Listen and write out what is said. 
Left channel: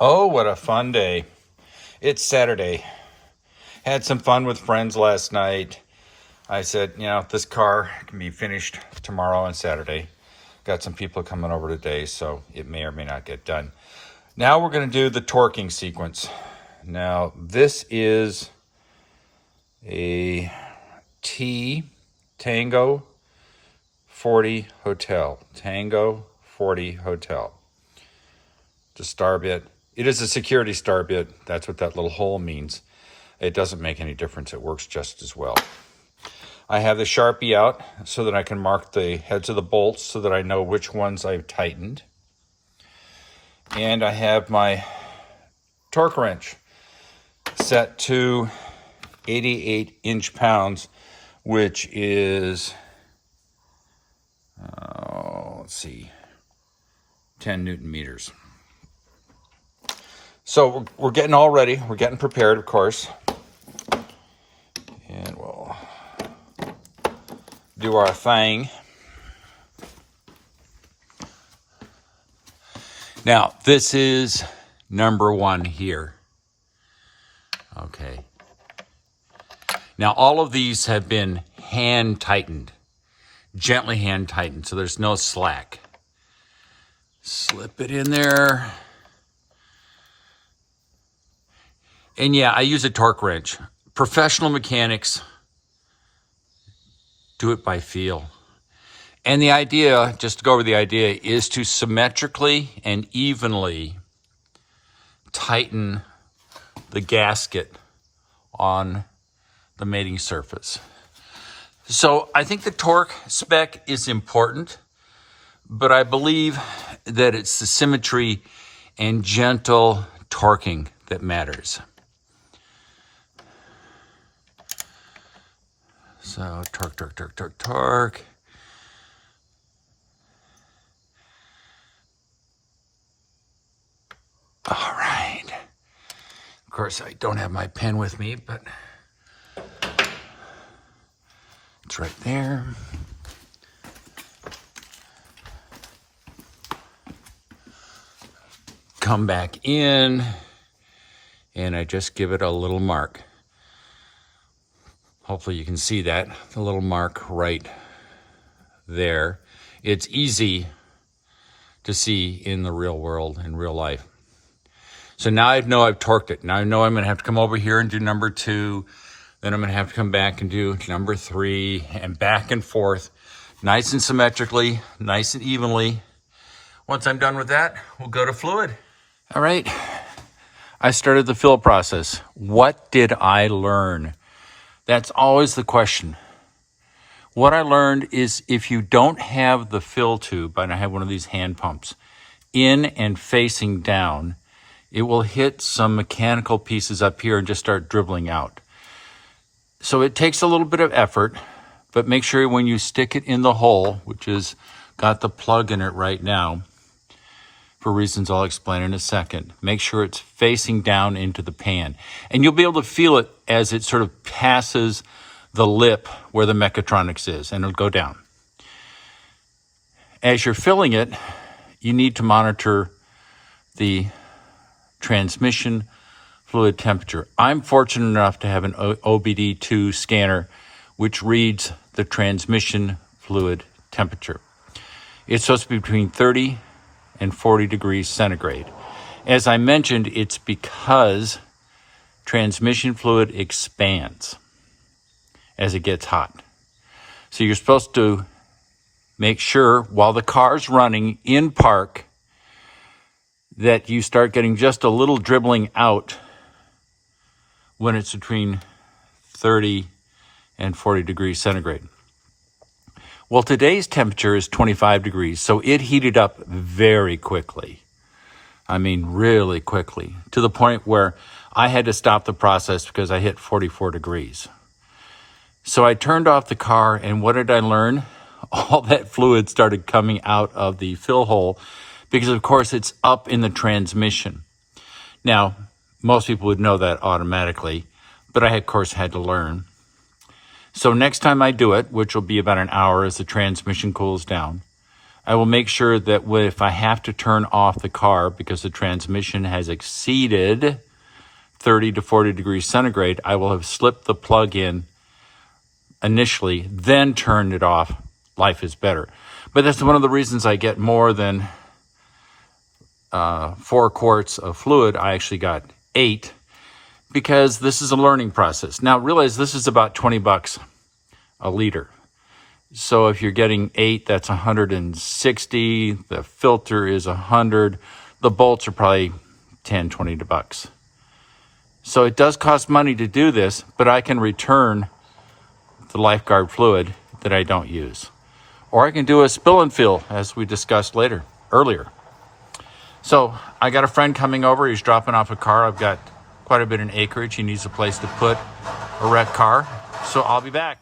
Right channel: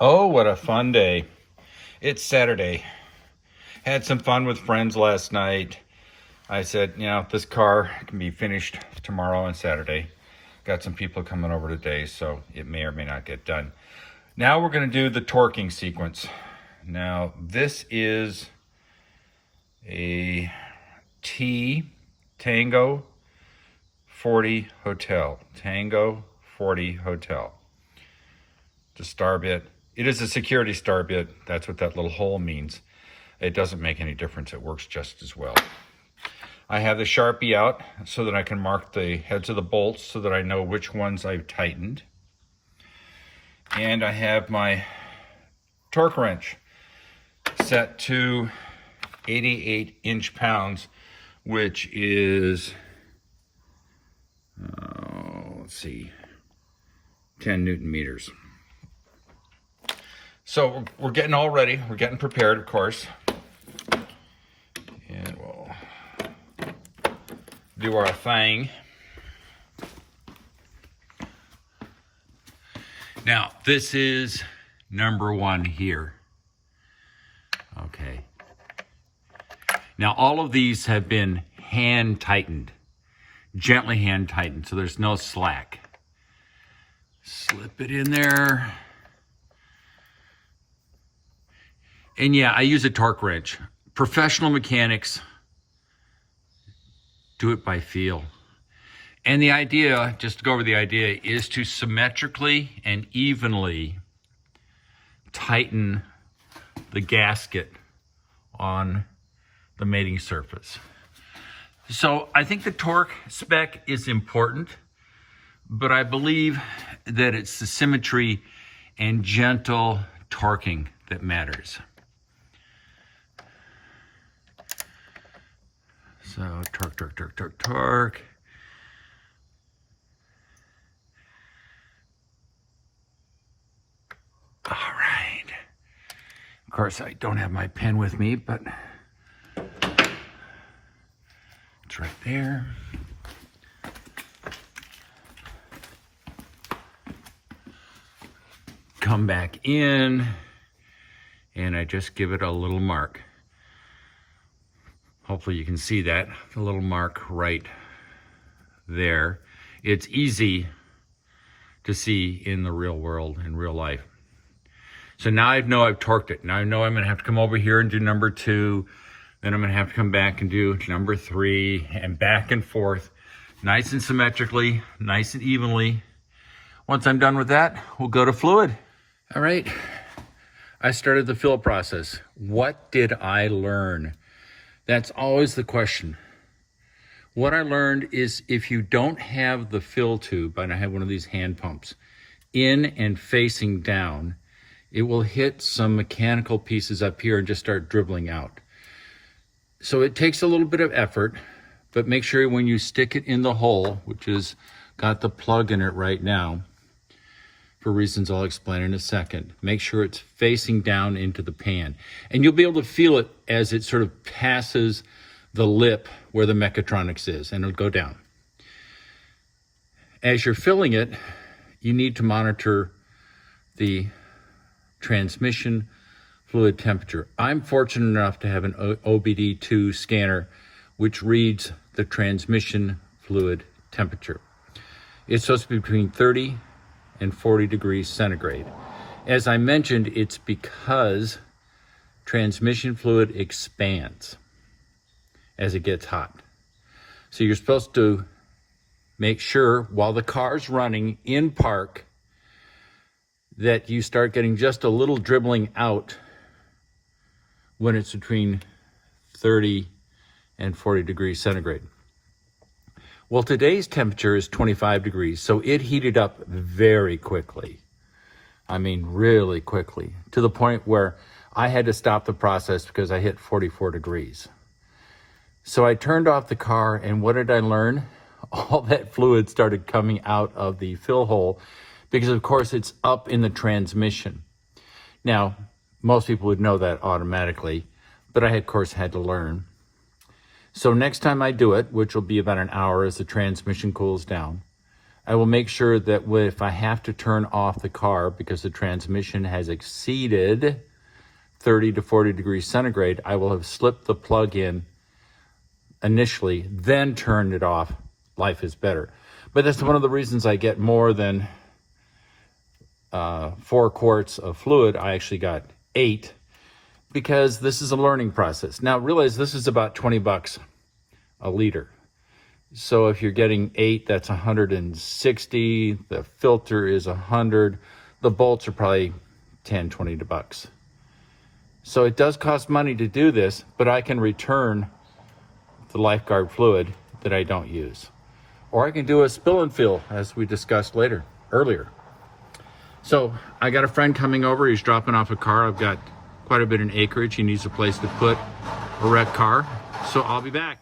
Oh, what a fun day. It's Saturday. Had some fun with friends last night. I said, this car can be finished tomorrow and Saturday. Got some people coming over today, so it may or may not get done. Now we're going to do the torquing sequence. Now, this is a Tango 40 Hotel. Tango 40 Hotel. The star bit. It is a security star bit. That's what that little hole means. It doesn't make any difference. It works just as well. I have the Sharpie out so that I can mark the heads of the bolts so that I know which ones I've tightened. And I have my torque wrench set to 88 inch-pounds, which is, 10 Newton meters. So we're getting all ready. We're getting prepared, of course. And we'll do our thing. Now, this is number one here. Okay. Now, all of these have been hand tightened, gently hand tightened, so there's no slack. Slip it in there. And yeah, I use a torque wrench. Professional mechanics do it by feel. And the idea, just to go over the idea, is to symmetrically and evenly tighten the gasket on the mating surface. So I think the torque spec is important, but I believe that it's the symmetry and gentle torquing that matters. So torque, torque, torque, torque, torque. All right. Of course, I don't have my pen with me, but it's right there. Come back in, and I just give it a little mark. Hopefully you can see that, the little mark right there. It's easy to see in the real world, in real life. So now I know I've torqued it. Now I know I'm gonna have to come over here and do number 2. Then I'm gonna have to come back and do number 3, and back and forth, nice and symmetrically, nice and evenly. Once I'm done with that, we'll go to fluid. All right, I started the fill process. What did I learn? That's always the question. What I learned is if you don't have the fill tube, and I have one of these hand pumps, in and facing down, it will hit some mechanical pieces up here and just start dribbling out. So it takes a little bit of effort, but make sure when you stick it in the hole, which is got the plug in it right now, for reasons I'll explain in a second, make sure it's facing down into the pan. And you'll be able to feel it as it sort of passes the lip where the mechatronics is, and it'll go down. As you're filling it, you need to monitor the transmission fluid temperature. I'm fortunate enough to have an OBD2 scanner which reads the transmission fluid temperature. It's supposed to be between 30 and 40 degrees centigrade. As I mentioned, it's because transmission fluid expands as it gets hot. So you're supposed to make sure while the car's running in park that you start getting just a little dribbling out when it's between 30 and 40 degrees centigrade. Well, today's temperature is 25 degrees, so it heated up very quickly. I mean, really quickly, to the point where I had to stop the process because I hit 44 degrees. So I turned off the car, and what did I learn? All that fluid started coming out of the fill hole because, of course, it's up in the transmission. Now, most people would know that automatically, but I, of course, had to learn. So next time I do it, which will be about an hour as the transmission cools down, I will make sure that if I have to turn off the car because the transmission has exceeded 30 to 40 degrees centigrade, I will have slipped the plug in initially, then turned it off. Life is better. But that's one of the reasons I get more than 4 quarts of fluid. I actually got 8 because this is a learning process. Now realize this is about 20 bucks a liter. So if you're getting 8, that's 160. The filter is 100. The bolts are probably 10, 20 bucks. So it does cost money to do this, but I can return the lifeguard fluid that I don't use. Or I can do a spill and fill, as we discussed earlier. So I got a friend coming over. He's dropping off a car. I've got quite a bit of acreage. He needs a place to put a wrecked car. So I'll be back.